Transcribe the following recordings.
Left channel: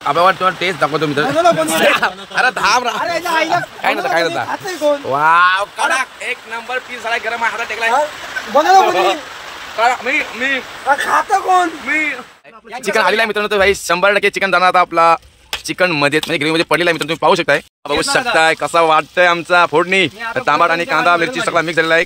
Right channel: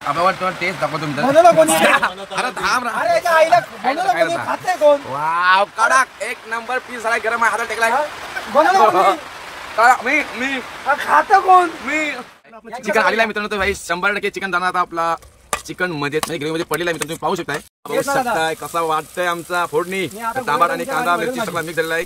अबे तुला टेस्ट दाखवतो मित्र. अरे थांब काय नव्हतं वाव कडक एक नंबर पीस झालाय गरम आहे हातात टेकलाय. मी खाता कोण मी चिकन आलेला आहे मित्रांनो. तर भाई 100% चिकन जाणार आता आपला चिकन मध्ये म्हणजे ग्रेव्ही मध्ये पडलेला आहे मित्रांनो. तुम्ही पाहू शकताय कसा वाटतंय आमचा फोडणी. टमाटर आणि कांदा मिरची सगळा मिक्स झालेला आहे.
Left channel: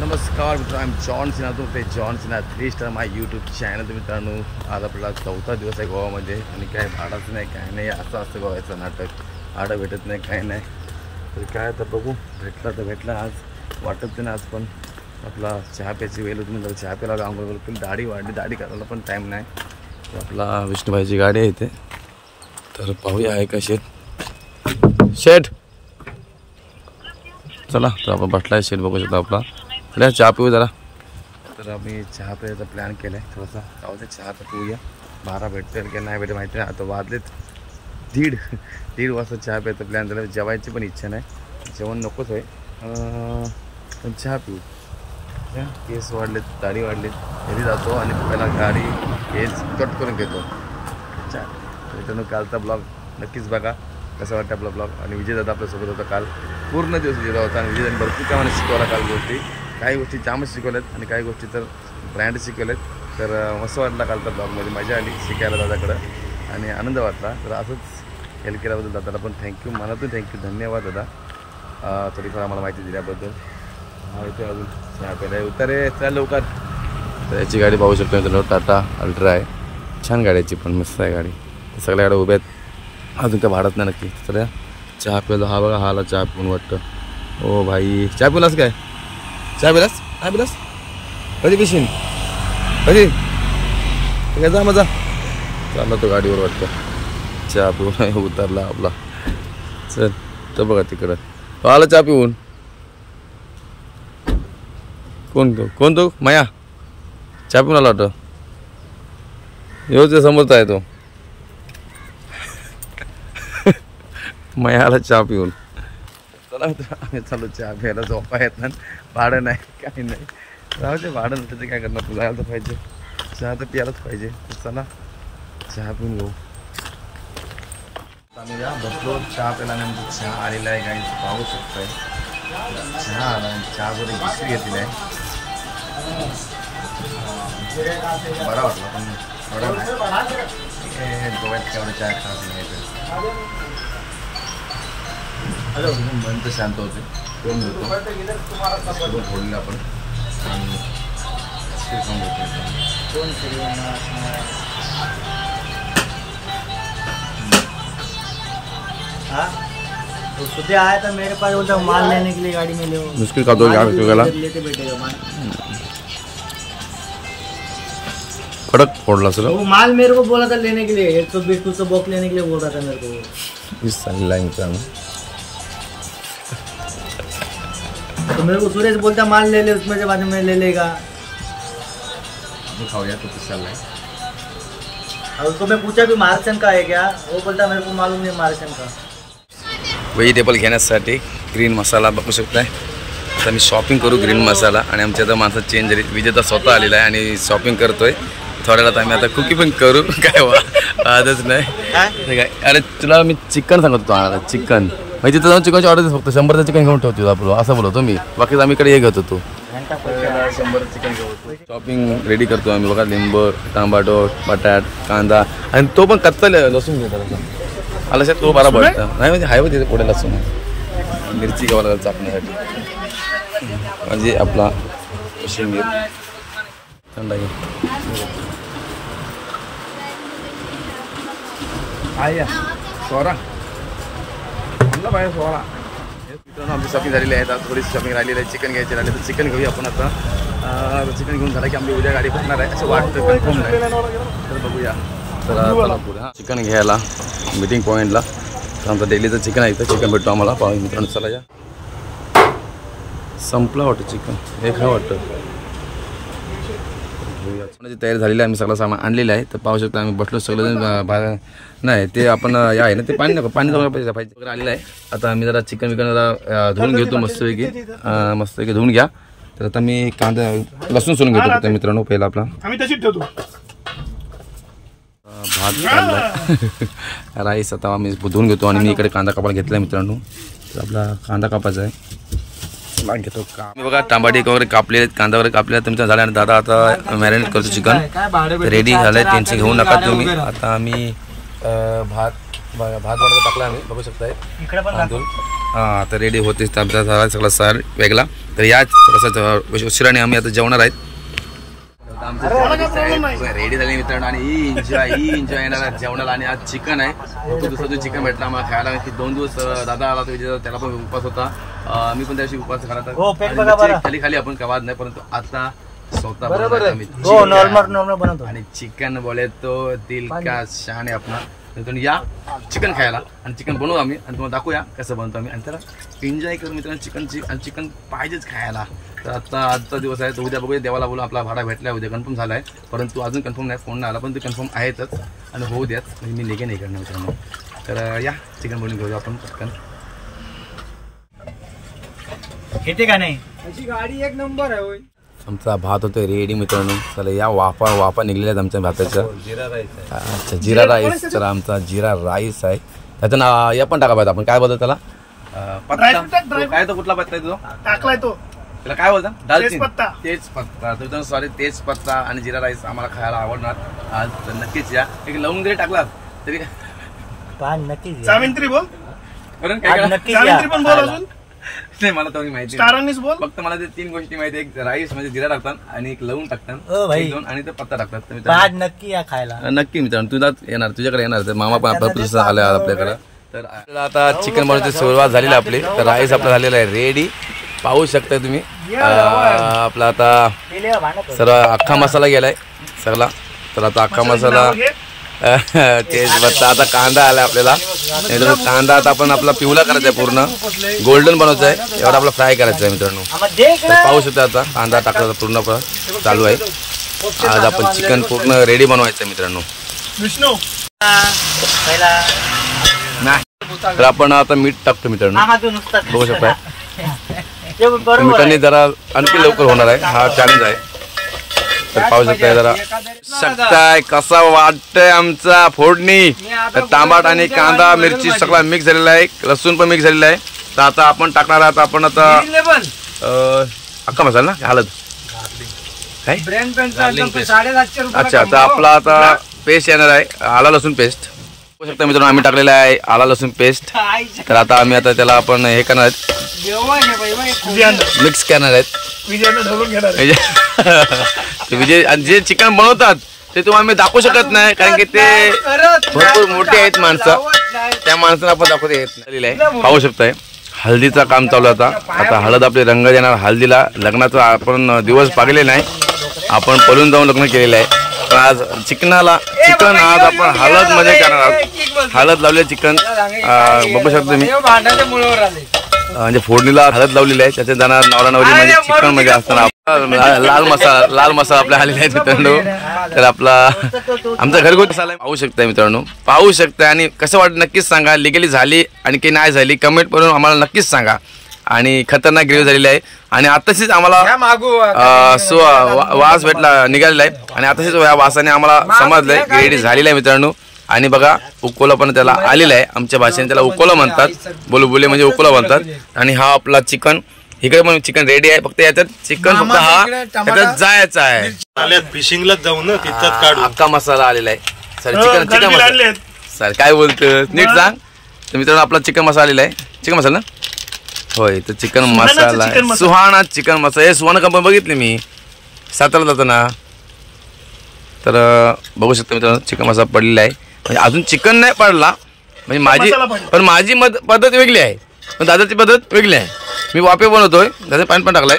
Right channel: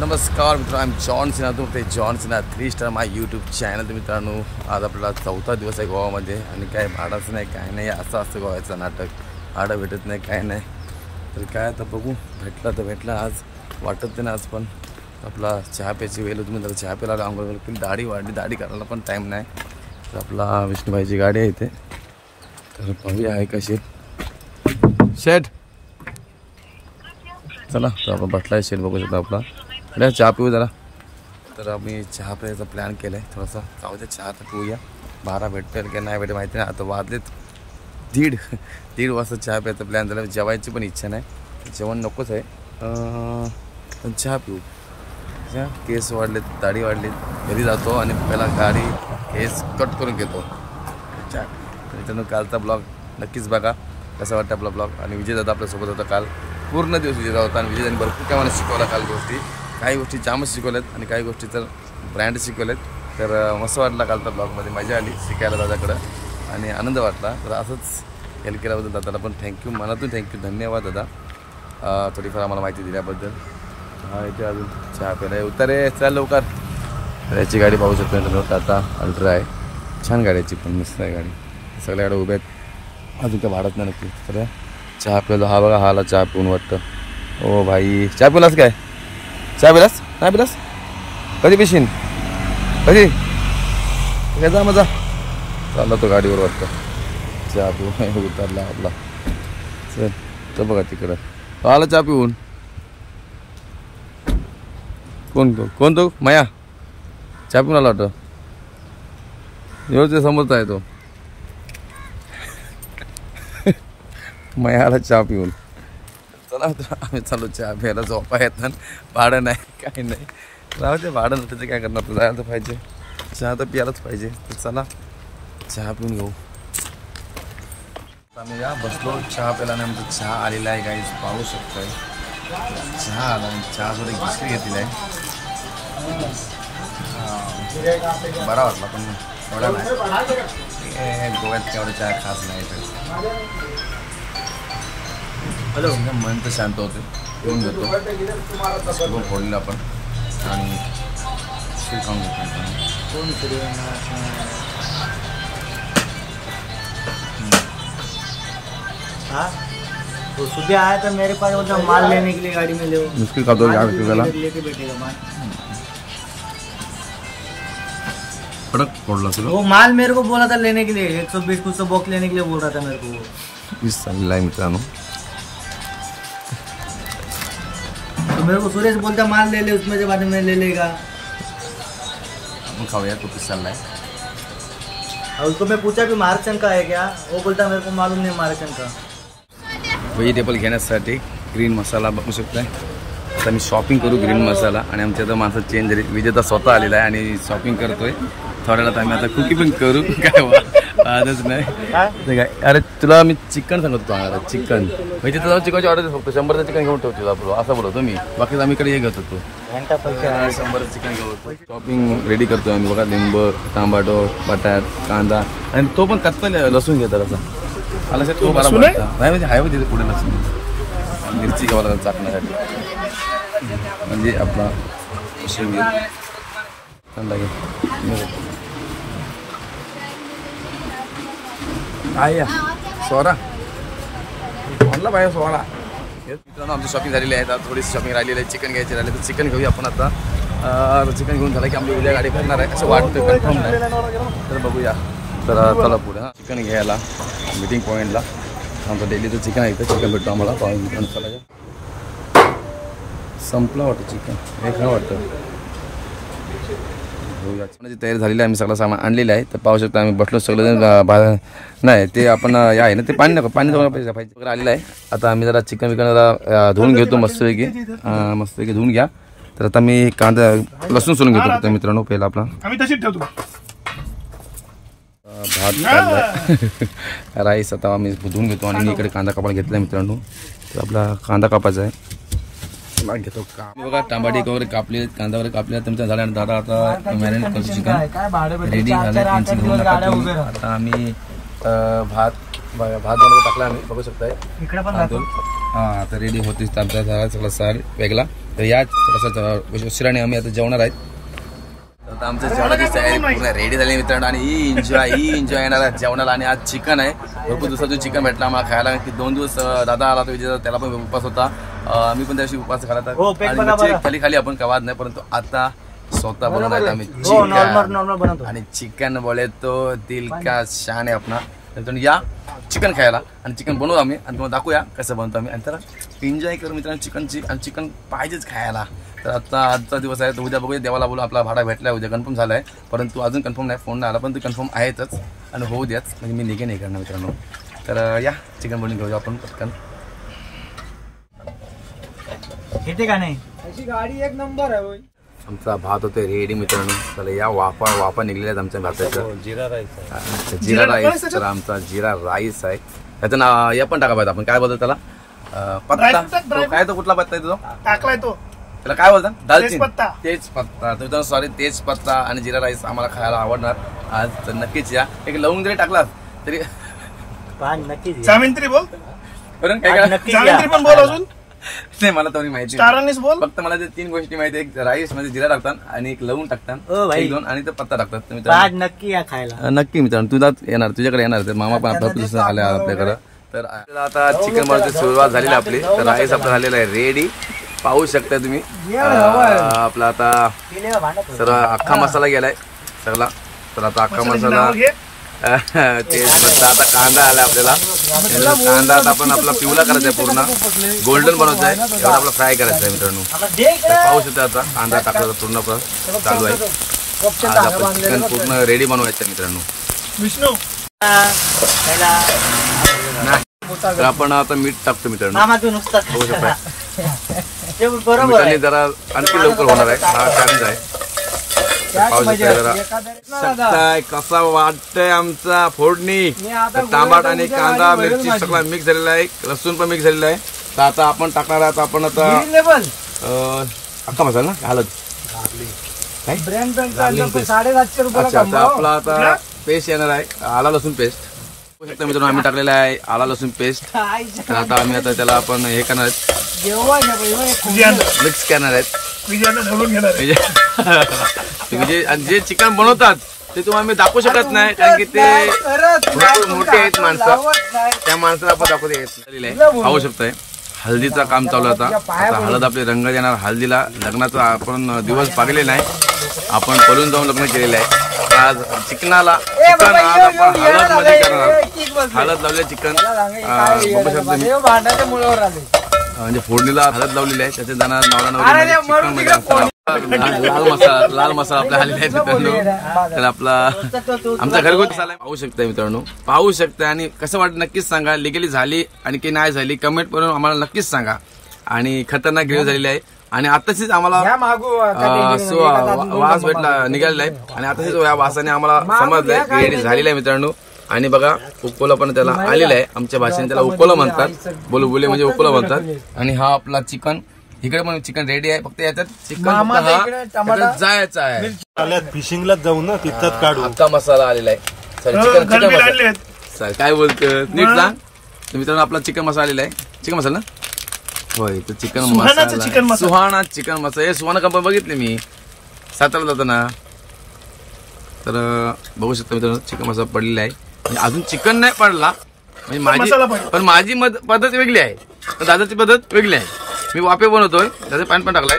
नमस्कार मित्रांनो, जॉन सिन्हा ते जॉन सिन्हा 3 स्टार माय यूट्यूब चॅनल. तर मित्रांनो आज आपला 4था दिवस आहे गोवामध्ये आणि काय भाडाच नाही काय नाही असं असतं गोव्याचं नाटक. भाडं भेटत नाही काय नाही तर काय तर बघू भेटला तर भेटला. आज वाटत नाही आज पण आपला चहा प्यायची वेळ होती. मी चहा प्यायला आंघोळ केली, दाढी वाढली, दाढी करायला पण टाईम नाही. तर आपला विष्णूभाईची गाडी आहे इथे तर पाहूया आहे का शेट. चला तर आपण बसलाय शेट बघू शकतो आपला. अरे चहा पिऊ जरा. तर आम्ही चहा प्यायचा प्लॅन केला आहे थोडासा. जाऊ दे चहा तर पिऊया. 12 भेटेल की नाही भेटेल माहिती नाही. आता वाजलेत दीड वाजता चहा प्यायचा प्लॅन झाला. जेवायची पण इच्छा नाही, जेवण नकोच आहे पण चहा पिऊ. केस वाढलेत, दाढी वाढलीत, घरी जातो आणि पहिला गाडी केस कट करून घेतो. अच्छा मित्रांनो कालचा ब्लॉग नक्कीच बघा कसा वाटतं आपला ब्लॉग. आणि विजयदादा आपल्यासोबत होता काल. पूर्ण दिवस विजयदादा होता आणि विजयदाने भरपूर काय मला शिकवला काल गोष्टी. काही गोष्टी जामच शिकवल्यात आणि काही गोष्टी तर ब्रँड शिकवल्यात. तर मस्त वाटला कालचा ब्लॉगमध्ये, मजा आली शिकायला दादाकडं आणि आनंद वाटला. तर असंच हेल्प केल्याबद्दल दादाला पण थँक्यू, मनातून थँक्यू, धन्यवाद दादा थोडीफार आम्हाला माहिती दिल्याबद्दल. हा इथे अजून चहा प्यायला उतारे चल लवकर. याची गाडी पाहू शकतो मित्रांनो, टाटा अल्ट्रा आहे. छान गाड्याची पण मस्त आहे गाडी. सगळ्या गाड्या उभ्या आहेत, अजून काय भाडत नाही नक्की. तर चहा प्यायला हा बघा हाला चहा पिऊन वाटतं. ओ भाई चहा पिलास काय? चहा पिलास नाही पिलास? कधी पिशीन कधी काय? जा मजा चालला तो गाडीवर वाटतं. चहा पिऊन उतरला आपला. चल तर बघा तिकडं तो आला चहा पिऊन. कोण तो माया चहा पिऊन आला वाटतं. येऊ ते समोरचा आहे तो मयाला चहा पिऊन. चला आम्ही चालू चहा प्यायला. झोपा येत ना, भाडं नाही काही नाही. राहू ते भाडं नाही त्याचं काय करणार. जायला तर पाहिजे, चहा तर प्यायलाच पाहिजे. तर चला चहा पिऊन घेऊ. आम्ही या बसलो चहा प्यायला आणि आमचा चहा आलेला आहे काही पाहू शकतोय. चहा आला आणि चहा थोडी बिस्किट घेतलेली आहे. बरा वाटला पण एवढा नाही. गोव्यात एवढं चहा खास नाही तर मन तर शांत होते. पिऊन घेतो बिस्किट फोडलेलं आपण आणि शिर खाऊन घेतो. तो सुबह आया था मेरे पास, बोलता माल लेने के लिए गाड़ी में ले. मुश्किल का दो क्या लेते बैठेगा माल. कड़क फोड़ला सर. वो माल मेरे को बोला था लेने के लिए 120 कुछ बॉक्स लेने के लिए बोल रहा था मेरे को. इस लाइन मित्रांनो तो मेरे को सुरेश बोलता माल ले ले, उसमें से बाद में ले लेगा. आपण खाऊया तो किस चाललाय. और उसको मैं पूछा भी मार्सन का है क्या, वो बोलता मेरे को मालूम नहीं मार्सन का. व्हेजिटेबल घेण्यासाठी ग्रीन मसाला बघू शकताय. आता मी शॉपिंग करू ग्रीन मसाला आणि आमच्या आता माणसं चेंज झाली. विजेता स्वतः आलेला आहे आणि शॉपिंग करतोय. थोड्या वेळात आम्ही आता कुकी पण करू. काय आजच नाही काय. अरे तुला मी चिकन सांगत होतो आणायला. चिकन म्हणजे तिथं जाऊन चिकनची ऑर्डर फक्त 100चं चिकन घेऊन ठेवतो आपलं असं बोलतो मी. बाकी आम्ही इकडे हे घेत होतो 100 चिकन घेऊ. शॉपिंग रेडी करतो आम्ही बघा. लिंबू, टमाटो, बटाट, कांदा आणि तो पण कच्चा लसूण घेतात असा. आला तो बरा बघता नाही म्हणजे हाय तिथे पुढे लसूण मिरची घ्यावं लागेल चाकण्यासाठी. म्हणजे आपला कोशिंबीर थंड घे आया सोरा म्हणला बाया सोरा. मित्रांनो आमची शॉपिंग झालेली आहे. आता थोडीशी शॉपिंग राहिलेली आहे. चिकन घ्यायची राहिली तर चिकन घेऊया आपण आता. चिकन घेऊन झालं की आमची उद्या गाडी भरणार आहे असं वाटतं, कन्फर्म नाही तर बघूया. तर चला पुढे हां चिकन घ्यायला मीटिंग पॉईंटला. आमचं डेलीचं चिकन आहे इथं. चिकन भेटतो आम्हाला पाहू मित्रांनो. चला या संपला वाटतं चिकन हे खा वाटतं. घेऊया. चिकनाची तयारी झालेली आहे. आम्ही सगळं सामान आणलेलं आहे. तर पाहू शकतो आम्ही बसलो सगळं. नाही ते आपण या आहे ना ते पाणी नको पाणी जाऊन पाहिजे वगैरे आलेलं आहे. आता आम्ही जरा चिकन जरा धुवून घेतो मस्तपैकी धुवून घ्या. तर आता मी कांदा लसूण सोलून घेतो मित्रांनो. पहिला आपला आम्ही तशीच ठेवतो. भात काढलाय राईस आता आम्ही धुवून घेतो आणि मी इकडे कांदा कापायला घेतलाय मित्रांनो. तर आपला कांदा कापायचा आहे घेतो का मी बघा. टमाटे वगैरे कापले कांदा वगैरे कापले तुमच्या झाल्या आणि दादा आता मॅरिनेट करतो चिकन रेडी झालंय. टेन्शन घेऊ नका तुम्ही. आता आम्ही भात बनवून टाकला आम्ही बघू शकताय. हां आता रेडी होतेच आमचा झाला सगळा सार वेगळा. तर या थोडासा उशिराने आम्ही आता जेवणार आहेत. आता आमच्या जेवणाची तयारी पूर्ण रेडी झाली मित्रांनो आणि ही एन्जॉय येणार जेवणाला. आणि आज चिकन आहे भरपूर दिवसातून चिकन भेटला आम्हाला खायला की 2 दिवस दादा आला तो विजय त्याला पण उपास होता. मी पण त्याशी उपास खाला आणि मच्छी खाली आपण कवाद नाही परंतु आता स्वतः बनवणार आम्ही चिकन. आणि चिकन बोले तो दिल का शान आहे आपला. तर या चिकन खायला आणि चिकन बनवू आम्ही आणि तुम्हाला दाखवूया कसं बनवतो आम्ही. आणि त्याला एन्जॉय करू मित्रांनो चिकनची. आणि चिकन पाहिजेच खायला. तर आता आजचा दिवस आहे तर उद्या बघूया देवाला बोलू आपला भाडा भेटला उद्या कन्फर्म झाला आहे परंतु अजून कन्फर्म नाही फोन नाही आला पण ते कन्फर्म आहेतच आणि होऊ द्याच म्हणजे मी निघे नाही करणार मित्रांनो. तर या चिकन बनवून घेऊया आपण पटकन. येते का नाही गाडी एक नंबर आहे. आमचा भात होते रेडी मित्रांनो. चला या वाफा निघलेल्या आमच्या भाताचं जिरा राईस. तर आमचा जिरा राईस आहे त्याचं ना या पण टाका पाहिजे आपण काय बोलतो त्याला पत्ता काय तो कुठला पत्ता आहे तो टाकलाय तो त्याला काय बोलतात दालचिनी तेजपत्ता. तर सॉरी तेजपत्ता आणि जिरा राईस आम्हाला खायला आवडणार आज. तर नक्कीच या. एक लवंग जरी टाकला तरी नक्कीच जामिंत्री बोल नक्की जामिंत्री पण बोल. अजून नाही मला तर माहिती स्टारांनीच बोल. फक्त मला ते 3 गोष्टी माहिती. एक राईस मध्ये जिरा टाकतात आणि एक लवंग टाकतात 2 आणि तो पत्ता टाकतात. तर मित्रांनो नक्की या खायला नक्की मित्रांनो तुझा येणार तुझ्याकडे येणार तर मामा पण आपला आला आपल्याकडे. तर आता चिकन बनवायची सुरुवात झालेली आपली. तर राईस आपला झालेला आहे रेडी पाहू शकता तुम्ही. आपला आता सर अख्खा मसाला गेलाय सगळा. तर आता अख्खा मसाला तेच आता कांदा आला आपल्याला. कांदा आता आपण आपला पिवळा करायचा पूर्ण गोल्डन बनवतोय एवढा आपला फ्राय करायचा आहे मित्रांनो. पाहू शकता आता कांदा टाकला पूर्ण चालू आहे. आज आपण चिकन पूर्ण रेडी बनवायचं आहे मित्रांनो. विष्णू पहिला तर आपण आता मीठ टाकतो मित्रांनो बघू शकता. बरोबर जरा आणखी लवकर होणार आहे हा चॅलेंज आहे. पाहू शकता जरा शकताय कसा वाटतंय आमचा फोडणी. टमाट आणि कांदा मिरची सगळा मिक्स झालेला आहे लसूण पण मिक्स झालेला आहे. तर आता आपण टाकणार आहात आपण आता अख्खा मसाला ना हळद काय 750 रुपये. अच्छा तर आपला आता पेस्ट येणार आहे आला लसूण पेस्ट. बघू शकता मित्रांनो आम्ही टाकलेला आहे आला लसूण पेस्ट. तर आता आम्ही आता त्याला आपण हे करणार आहेत मिक्स करणार आहेत. जे चिकन बनवतात ते तुम्हाला आम्ही दाखवू शकत नाही कारण की ते भरपूर मोठे आहेत माणसं. त्या माणसाला आपण दाखवता येत आहे. पाहू शकताय हळदीचं काम चालू आता. आता हळद आपले रंग देणार हळदीला. लग्नाचा आपण दिवस पागले नाही आपण पळून जाऊन लग्न केलेलं आहे. आज चिकनाला चिकन आज आपण हळद मध्ये करणार आहोत. हळद लावले चिकन बघू शकतो तुम्ही म्हणजे फोडणीला हळद लावलेली आहे त्याच्यात जाणार नवरा नवरी मध्ये चिकन मध्ये असताना लाल मसाला आपल्या आलेला आहे मित्रांनो. तर आपला आमचा घरगुती मसाला पाहू शकताय मित्रांनो पाहू शकताय. आणि कसं वाटतं नक्कीच सांगा. लिगली झाली आणि की नाही झाली कमेंट करून आम्हाला नक्कीच सांगा. आणि खतरनाक ग्रेव्ही झालेली आहे आणि आताशीच आम्हाला वास भेटला निघालेला आहे आणि आताशीच या वासाने आम्हाला समजलंय ग्रेव्ही झालेली आहे मित्रांनो. आणि बघा उकोला पण त्याला आलेला आहे आमच्या भाषेने त्याला उकोला म्हणतात बोलबोले म्हणजे उकोला म्हणतात. आणि हा आपला चिकन इकडे पण चिकन रेडी आहे फक्त याच्यात चिकन फक्त हा त्याच्यात जायचा आहे फिशिंगला जाऊ ना तिथं काढू. अख्खा मसाला आलेला आहे सर चिकन मसाला सर काय बोलतोय नीट सांग. तर मित्रांनो आपला चिकन मसाला आलेला आहे चिकन मसाला ना होय. तर चिकन मसाला सुहाणा चिकन मसाला हे सुहाणा कंपनी बघितली मी सातारा जाताना. तर बघू शकता मित्रांनो चिकन मसाला पडलेला आहे म्हणजे अजून चिकन नाही पडला म्हणजे माझी पद्धत वेगळी आहे पण दादाची पद्धत वेगळी आहे. मी वाफे बनवतोय त्याचं पाणी पण टाकलंय.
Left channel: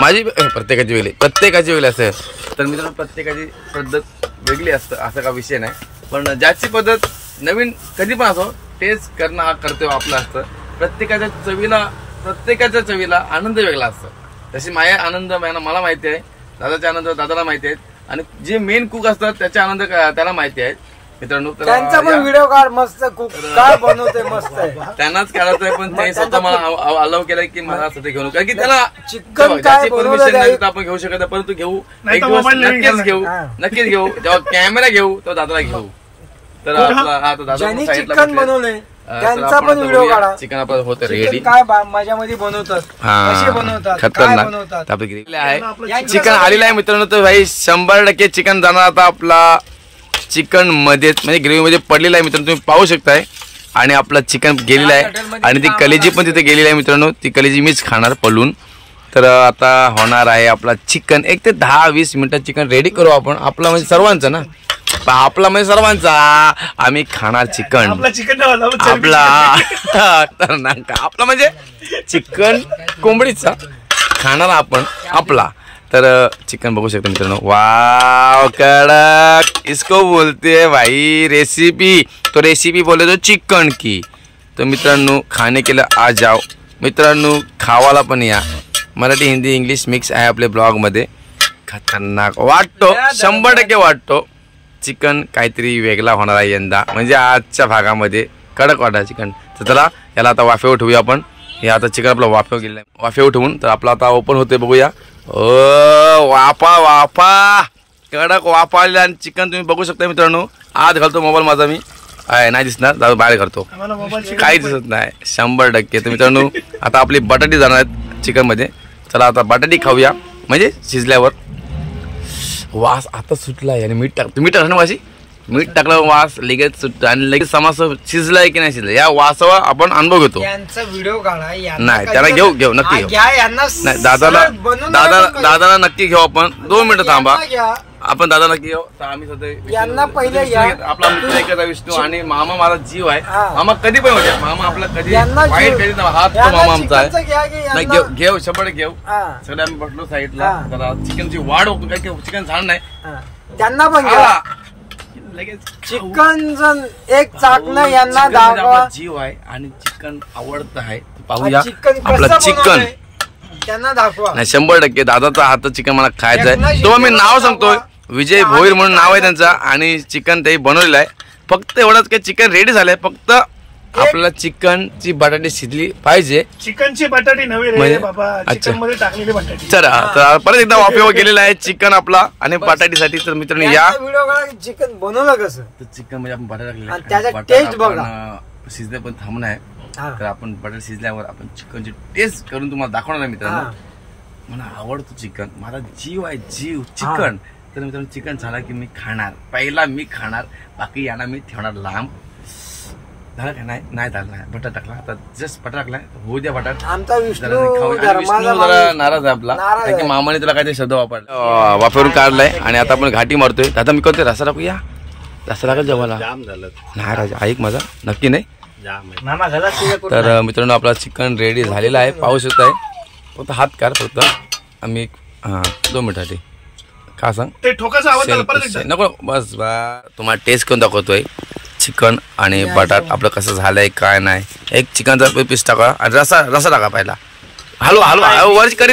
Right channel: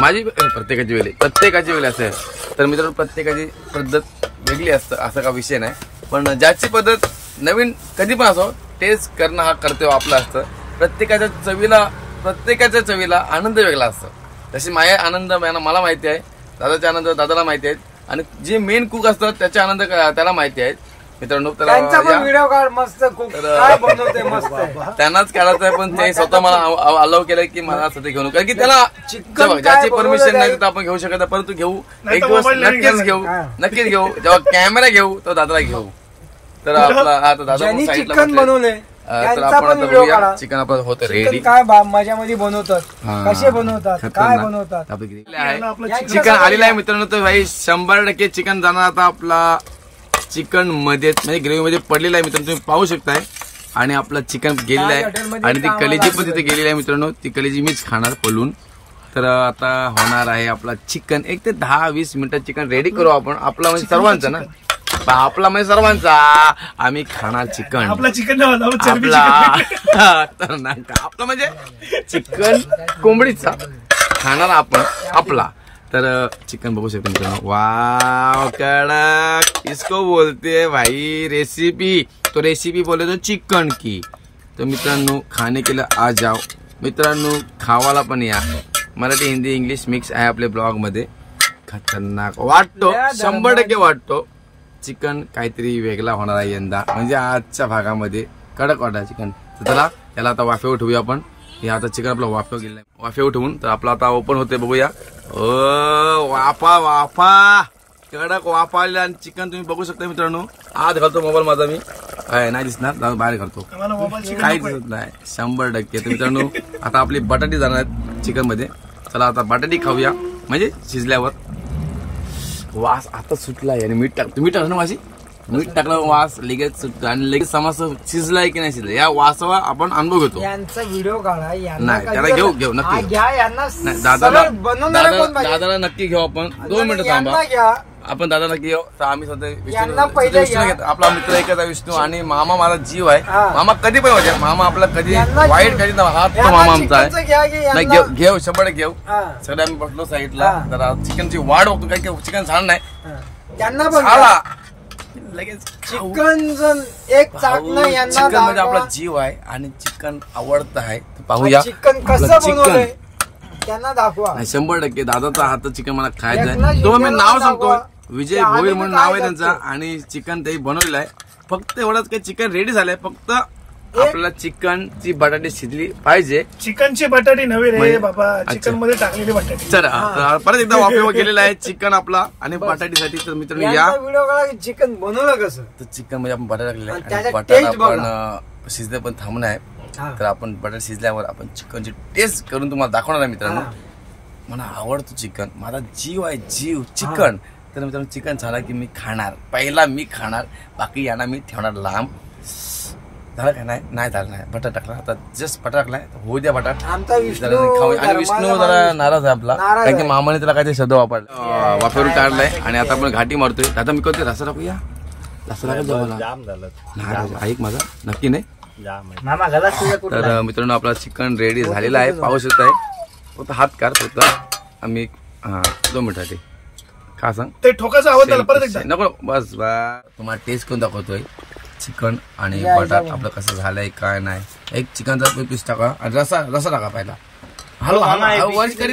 माझी प्रत्येकाची वेगळी असते. तर मित्रांनो प्रत्येकाची पद्धत वेगळी असतं असं का विषय नाही. पण ज्याची पद्धत नवीन कधी पण असो टेस्ट करणं हा कर्तव्य आपला असतं. प्रत्येकाच्या चवीला आनंद वेगळा असतो. तशी माझ्या आनंद मला माहिती आहे दादाचा आनंद दादाला माहिती आहेत आणि जे मेन कुक असतात त्याचे आनंद त्याला माहिती आहेत मित्रांनो. तर त्यांनाच करायचं आहे पण ते स्वतः मला अलाव केलंय की मला स्वतः घेऊन कारण की त्याला ज्याची परमिशन नाही तर आपण घेऊ शकत परंतु घेऊ एक दिवस नक्कीच घेऊ जेव्हा कॅमेरा घेऊ तेव्हा दादाला घेऊ तर आपला आता दादा ज्यांनी साईडला चिकन बनवलंय तर त्यांचा आपण पण आता व्हिडिओ बघूया काढा. चिकन आपण होतं चिकन रेडी काय माझ्यामध्ये बनवतात, कसे बनवतात, काय खतरनाक बनवतात. आपली ग्रेव्ही आहे यांच्या चिकन सगळ्या- आलेलं आहे मित्रांनो. तर भाई 100% चिकन जाणार आता आपला चिकन मध्ये म्हणजे ग्रेव्ही मध्ये पडलेला आहे मित्रांनो, तुम्ही पाहू शकताय. आणि आपला चिकन गेलेला आहे आणि ती कलेजी पण तिथे गेलेली आहे मित्रांनो. ती कलेजी मीच खाणार पलून. तर आता होणार आहे आपला चिकन 1 ते 10-20 मिनिटात चिकन रेडी करू आपण. आपला म्हणजे सर्वांचं ना, आपला म्हणजे सर्वांचा. आम्ही खाणार चिकन आपला चिकन आपला म्हणजे चिकन कोंबडीचा खाणार आपण आपला. तर चिकन बघू शकता मित्रांनो. वाव कडक इसको बोलते है भाई रेसिपी. तो रेसिपी बोले तो चिकन की. तो मित्रांनो खाने के लिए आ जाओ मित्रांनो, खावाला पण या. मराठी हिंदी इंग्लिश मिक्स आहे आपल्या ब्लॉग मध्ये. खतरनाक वाटतो 100% वाटतो. चिकन काहीतरी वेगळा होणार आहे यंदा, म्हणजे आजच्या भागामध्ये कडक वाटा चिकन. तर चला याला आता वाफेवर ठेवूया आपण. हे आता चिकन आपलं वाफेवर गेलं आहे, वाफेवर ठेवून तर आपला आता ओपन होते बघूया. ओ वाफा वाफा कडक वाफा आलेला आणि चिकन तुम्ही बघू शकता मित्रांनो. आत घालतो मोबाईल माझा मी, नाही दिसणार दादा बाहेर करतो, काही दिसत नाही 100%. तर मित्रांनो आता आपली बटाटी जाणार आहेत चिकन मध्ये. चला आता बटाटी खाऊया, म्हणजे शिजल्यावर. वास आता सुटला आणि मीठ टाक, मीठ टाकलं ना वाशी, मीठ टाकल्यावर वास लगेच सुटतं आणि लगेच समास शिजलाय की नाही शिजलं या वासावा आपण अनुभव घेतो. यांचा व्हिडिओ काढा. नाही त्याला घेऊ नक्की घेऊ. घ्या यांना. नाही दादाला नक्की घेऊ आपण. 2 मिनिटं थांबा आपण दादा नक्की घेऊ. तर आम्ही यांना सध्या पहिले विष्णू घेतो. आपला मित्र एखादा विष्णू आणि मामा माझा जीव आहे. मामा कधी पण होते, मामा आपला कधी वाईट कधी हा तो मामा आमचा आहे. नाही घेऊ 100% घेऊ. सगळे आम्ही बसलो साईडला. जरा चिकनची वाढ बघतो, काही चिकन छान नाही त्यांना पण लगेच. चिकन एक चाकणं यांना आपला जीव आहे आणि चिकन आवडतं आहे. पाहूया चिकन आपलं चिकन. त्यांना दाखवा. नाही 100% दादाचा हात चिकन मला खायचं आहे. तो मी नाव सांगतोय, विजय भोईर म्हणून नाव आहे त्यांचा. आणि चिकन ते बनवलेलं आहे. फक्त एवढंच काही चिकन रेडी झालंय, फक्त आपल्याला चिकनची बटाटी शिजली पाहिजे. चिकनची बटाटी नव्हे रे बाबा, चिकन मध्ये टाकलेली बटाटी. चला परत एकदा वाफेवर गेलेला आहे चिकन आपला आणि बटाटीसाठी. तर मित्रांनो या व्हिडिओ काढा चिकन बनवलं कसं. तर चिकन मध्ये आपण बटाटा टाकलेला आणि आहे. त्याचा बटाटा taste बघा. आपण शिजले पण थांबणं आहे. तर आपण बटाटा शिजल्यावर आपण चिकनची टेस्ट करून तुम्हाला दाखवणार आहे मित्रांनो. मला आवडतो चिकन, माझा जीव आहे जीव चिकन. तर मित्रांनो चिकन झाला की मी खाणार, पहिला मी खाणार, बाकी यांना मी ठेवणार लांब. झालं का नाही झालं नाही. बटाटा टाकला आता, जस्ट बटाटा टाकलाय, होऊ द्या बटाटा. आमचा विष्णू जरा नाराज आहे आपला, कारण की मामाने तुला काहीतरी शब्द वापरला, वापरून काढलाय. आणि आता आपण घाटी मारतोय. दादा मी करतोय रसा टाकूया, रसा टाकत जेवायला. नाही राजा ऐक माझा, नक्की नाही. तर मित्रांनो आपला चिकन रेडी झालेला आहे, पाहू शकताय. फक्त हात काढ फक्त. आम्ही 2 मिनिटासाठी का सांग ते ठोकाचा आवाज झाला परत एकदा नको बस बा. तुम्हाला टेस्ट करून दाखवतोय चिकन आणि बटाट आपलं कसं झालंय काय नाही. एक चिकनचा पीस टाका आणि रसा टाका पहिला. हलवा वर करी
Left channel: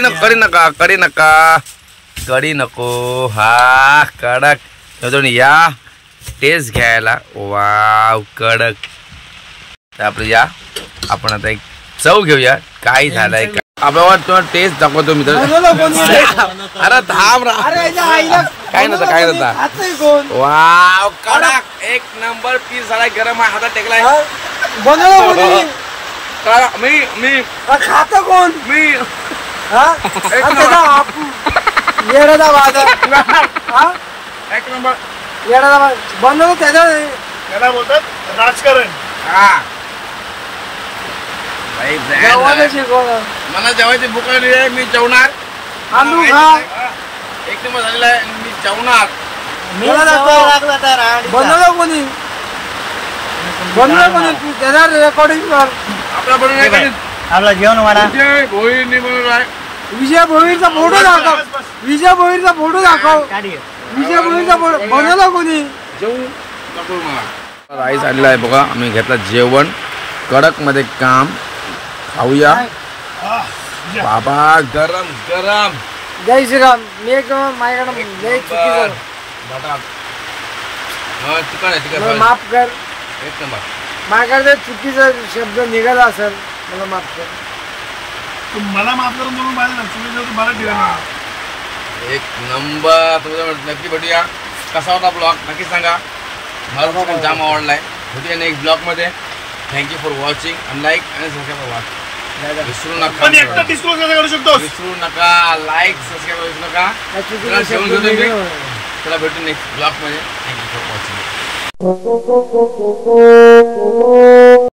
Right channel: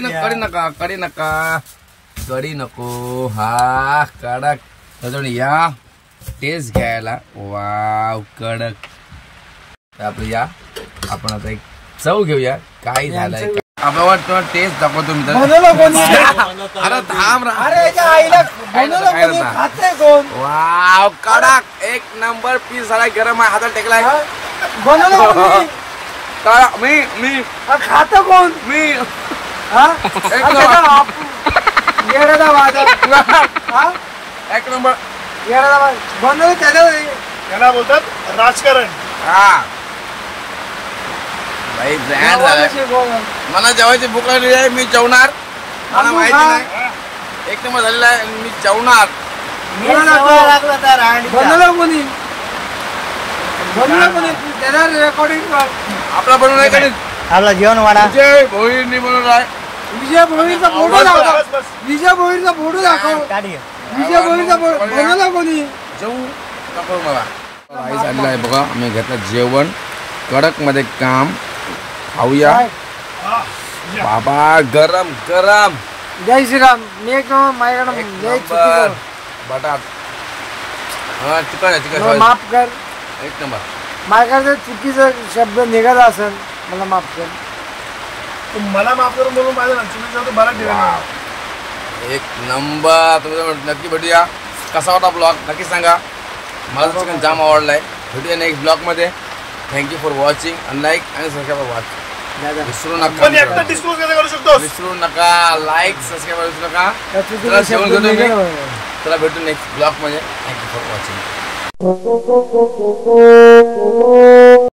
नको. हा कडक या टेस्ट घ्यायला. वाव कडक. तर आपलं या आपण आता एक चव घेऊया काय झालंय. आपल्यावर तुम्हाला टेस्ट दाखवतो मित्र. अरे थांब रा, काय नव्हता. वाव कडक 1 नंबर पीस झालाय. गरम आहे, हातात टेकलाय. मी खातं कोण मी एक नंबर बनवलं त्याला. याला बोलतात राजकारण. हा भाई ब्रँड झालाय. मला जेवायची भूक लागली आहे, मी जेवणार. एक नंबर झालेला आहे, मी जेवणार. बनवलं कोणी त्याला रेकॉर्डिंग आपला बनवून आपला जेवण वाढा. विजय भोईरनी बनवला आहे. विजय भोईरचा फोटो दाखव. विजय भोईरचा फोटो दाखव. विजय भोईरचा फोटो बनवला कोणी. जेवू नको मला. राईस आलेला आहे बघा. आम्ही घेतला जेवण कडक मध्ये काम. खाऊया बाबा. गरम गरम. जय श्रीराम. मी एक माझ्याकडे जय चुकीचं बटाट. हा चिकन आहे, चिकन माफ कर. एक नंबर. माझ्याकडे चुकीचा शब्द निघाला असेल, मला माफ कर. मला माफ करून बोलून माझं मराठी. एक नंबर. तुम्ही नक्की भेटूया. कसा होता ब्लॉग नक्की सांगा. मला चिकन जाम आवडलाय. भेटूया नेक्स्ट ब्लॉगमध्ये. थँक्यू फॉर वॉचिंग आणि लाईक आणि सबस्क्राईब वाच विसरू नका. पण एकटा डिस्क्लोज कसं करू शकतोस? विसरू नका. लाईक सबस्क्राईब विसरू नका. चला जेवण घेतो मी. चला भेटू नेक्स्ट ब्लॉगमध्ये. Thank you for watching.